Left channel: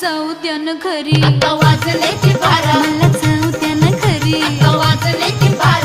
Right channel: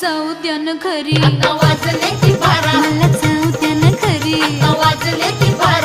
जाऊ द्या ना घरी, आता वाजले की बारा, मला जाऊ द्या ना घरी. आता वाजले की बारा.